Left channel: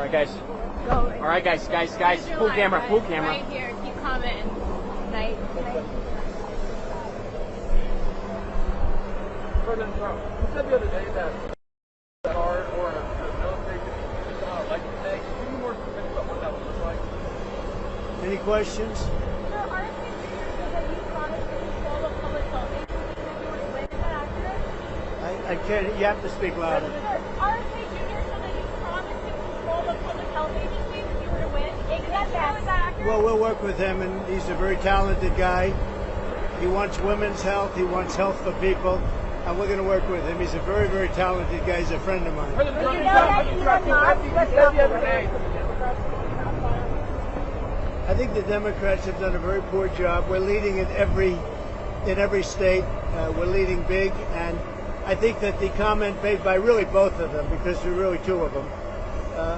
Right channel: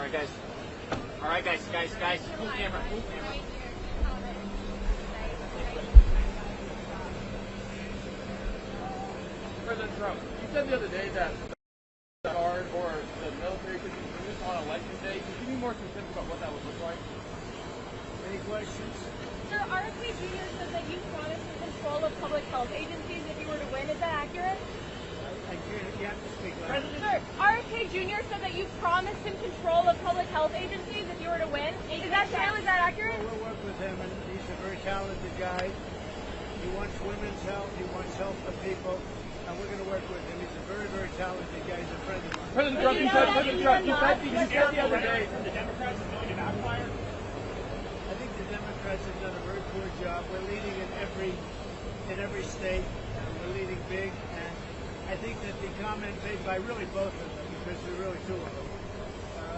All right, guys, full camera. Right here, keep commenting. Right. President Trump, you said the other day that card or the military could be used on election day. Can you be more specific about what that would look like? Any questions? Sir, RFK Jr. said that you promised to control the public health agencies if you were to win. Is that accurate? I can't. You have to speak louder. Sir, RFK Jr. said that you promised to control the public health agencies if you were to win. Is that true? Is that accurate? Well, we'll work with him, and he's a very talented guy. He wants women's health. He wants health for people. And we're going to work with him. He's a very, very talented guy. He's a friend of mine. President Trump, I think the Democrats have done a very poor job. We're leading in every state. We're leading big, and I think that the comment made by really both of them, because there are really two of them,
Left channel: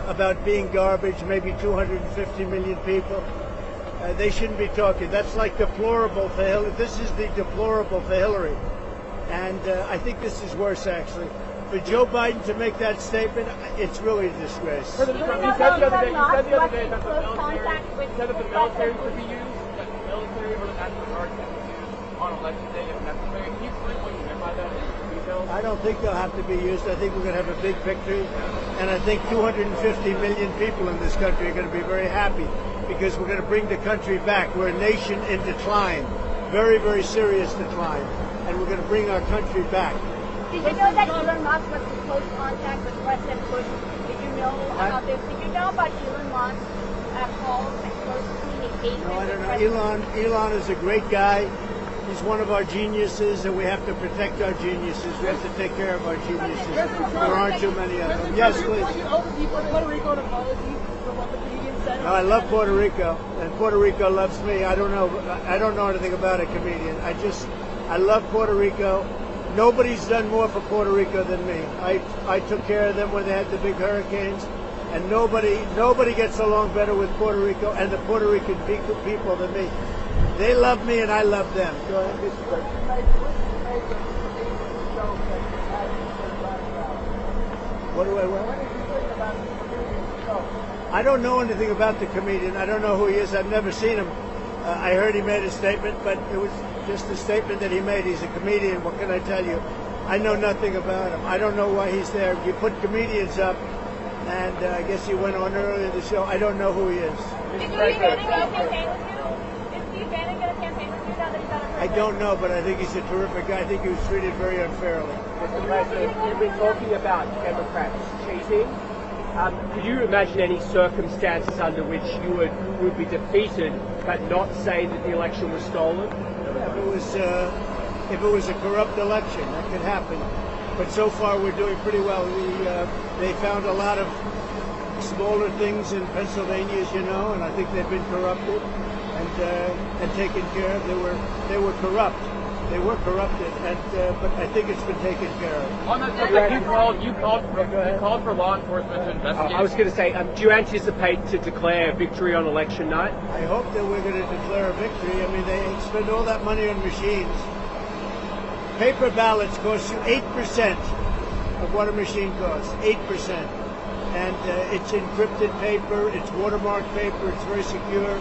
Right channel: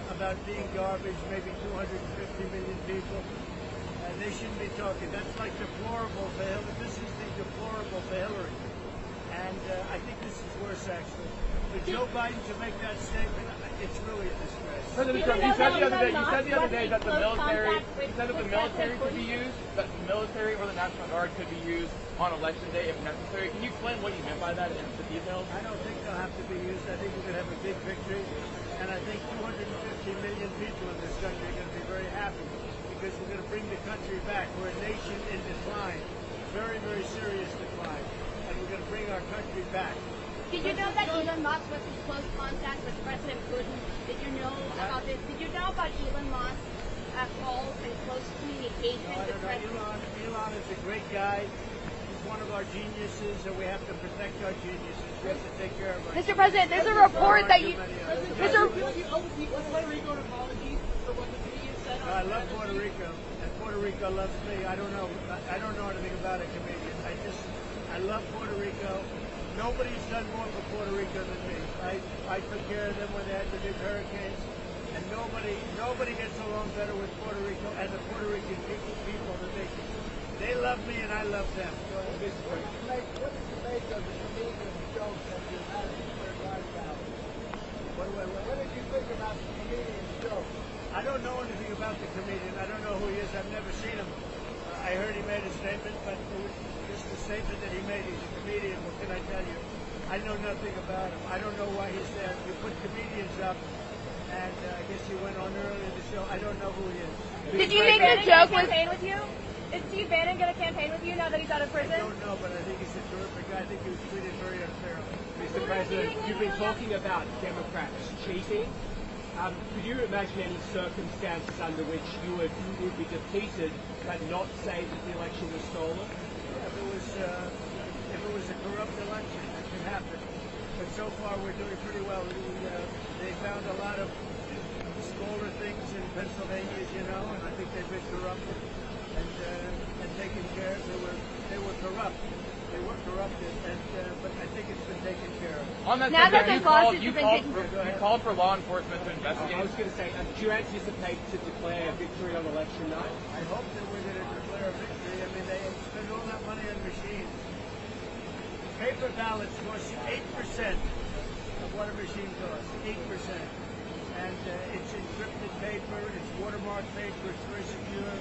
about being garbage, maybe 250 million people, they shouldn't be talking. That's like deplorable for Hillary. This is the deplorable for Hillary. And I think this is worse, actually. For Joe Biden to make that statement, it's really a disgrace. President Trump, you said the other day that the military could be used, that the military or the National Guard could be used on election day if necessary. Can you explain what you mean by that in the details? I don't think they'll have to be used. I think we're going to have a big victory. And I think 250 million people in this country are going to be very happy because we're going to bring the country back. We're a nation in decline, very, very serious decline. And we're going to bring our country back. Did you know that Elon Musk was in close contact with President Bush? Did you know about this? Did you know about Elon Musk calls and close communication with President? Elon is a great guy. He's one of our geniuses, and we have to protect our geniuses. We have to take care of our geniuses. Mr. President, there's a report that too many of them. Yes, please. I love Puerto Rico, and Puerto Rico loves me. I don't know anything about a comedian. I love Puerto Rico. Nobody's done more for Puerto Rico than me. I took care of them when they had the big hurricanes, and nobody gets along better with Puerto Rico and the Puerto Rican people than me. They love me, and I love them. Go ahead. What do I want? I don't know anything about the comedian. I don't know who he is. I've never seen him. I heard he made a statement, but it was just a statement that he made. He's a comedian. What can I tell you? I know nothing about him. I don't know why he's there. You put comedians up, and I guess he went on earlier in the show. I don't know who he is. Did you make a campaign with you? Did Steve Bannon get a campaign with you now that he's out of prison? I don't know, but I think he's a terrific guy. I think he was treated very unfairly. Mr. President, you've been talking about Democrats cheating. Could you imagine any circumstances under which you would be defeated but not say that the election was stolen? If it was a corrupt election, that could happen. But so far, we're doing pretty well. They found a lot of smaller things in Pennsylvania, as you know, and I think they've been corrupted and taken care of. They were corrupt. They were corrupted, but I think it's been taken care of. On that you called for law enforcement to investigate. I was going to say, do you anticipate to declare a victory on election night? I hope that we're going to declare a victory. I mean, they spend all that money on machines. Paper ballots cost you 8% of what a machine costs, 8%. And it's encrypted paper, it's watermarked paper, it's very secure.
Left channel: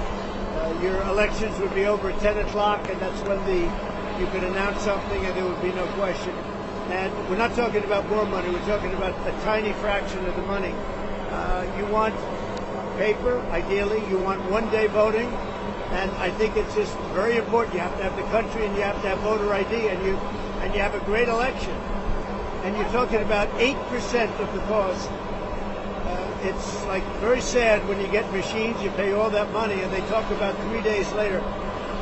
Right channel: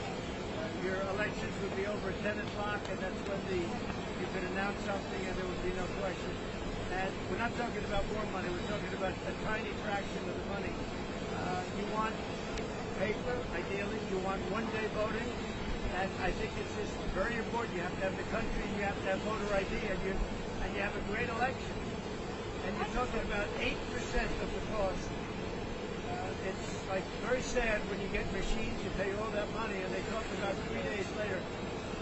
Your elections would be over at 10 o'clock, and that's when you could announce something and there would be no question. And we're not talking about more money, we're talking about a tiny fraction of the money. You want paper, ideally, you want one-day voting, and I think it's just very important. You have to have the country and you have to have voter ID, and you have a great election. And you're talking about 8% of the cost. It's like very sad when you get machines, you pay all that money, and they talk about 3 days later.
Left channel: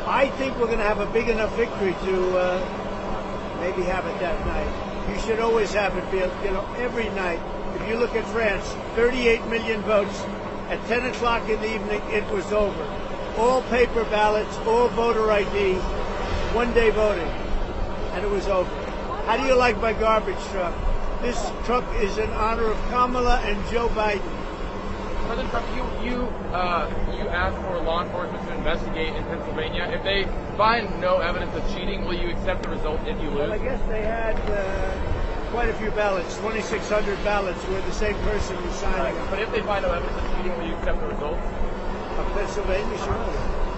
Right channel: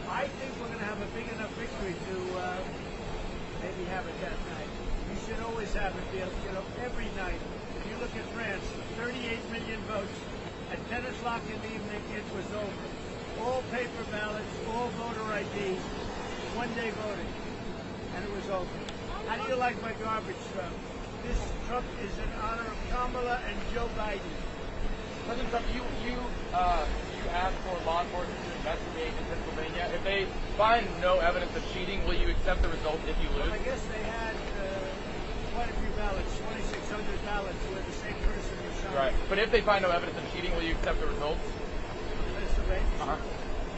I think we're going to have a big enough victory to maybe have it that night. You should always have it, every night. If you look at France, 38 million votes. At 10 o'clock in the evening, it was over. All paper ballots, all voter ID, one-day voting, and it was over. How do you like my garbage truck? This truck is in honor of Kamala and Joe Biden. President Trump, you asked for law enforcement to investigate in Pennsylvania. If they find no evidence of cheating, will you accept the result if you lose? Well, I guess they had quite a few ballots, 2,600 ballots, where the same person was signing. But if they find no evidence of cheating, will you accept the results? Of Pennsylvania, sure.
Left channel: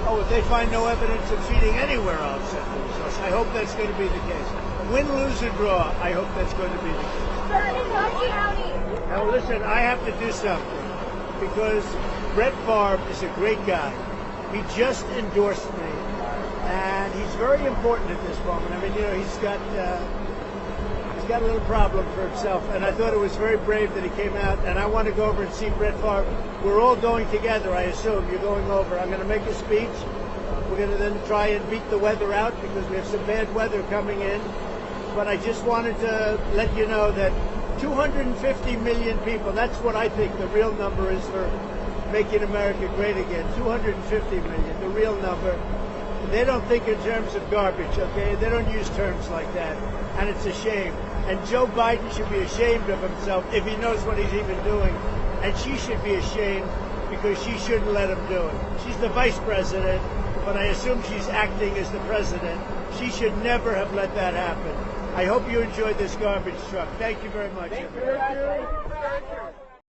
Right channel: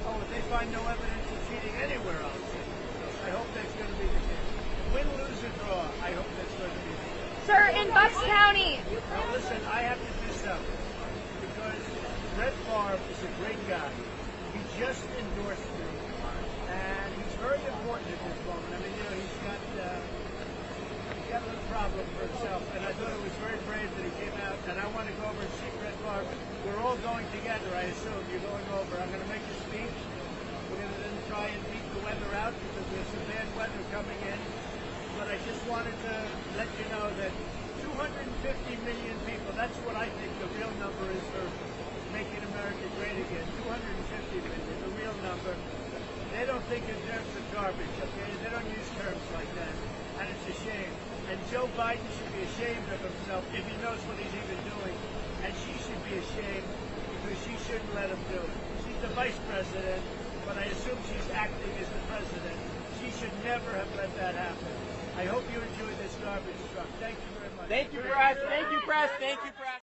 Oh, if they find no evidence of cheating anywhere, I'll accept the results. I hope that's going to be the case. Win, lose, or draw, I hope that's going to be the case. Sir, in Bucks County. Now listen, I have to do something, because Brett Favre is a great guy. He just endorsed me, and he's very important at this moment. I mean, you know, he's got a little problem for himself, and I thought it was very brave that he came out, and I want to go over and see Brett Favre. We're all going together, I assume. You're going over. I'm going to make a speech. We're going to then try and beat the weather out, because we have some bad weather coming in. But I just wanted to let you know that 250 million people, that's what I think the real number is for making America great again. 250 million, the real number. They don't think in terms of garbage, okay? They don't use terms like that. And it's a shame. And Joe Biden should be ashamed of himself if he knows what he's even doing. And she should be ashamed because she shouldn't let him do it. She's the vice president, but I assume she's acting as the president. She should never have let that happen. I hope you enjoyed this garbage truck. Thank you very much. Thank you, press. Thank you, press. Thank you, press.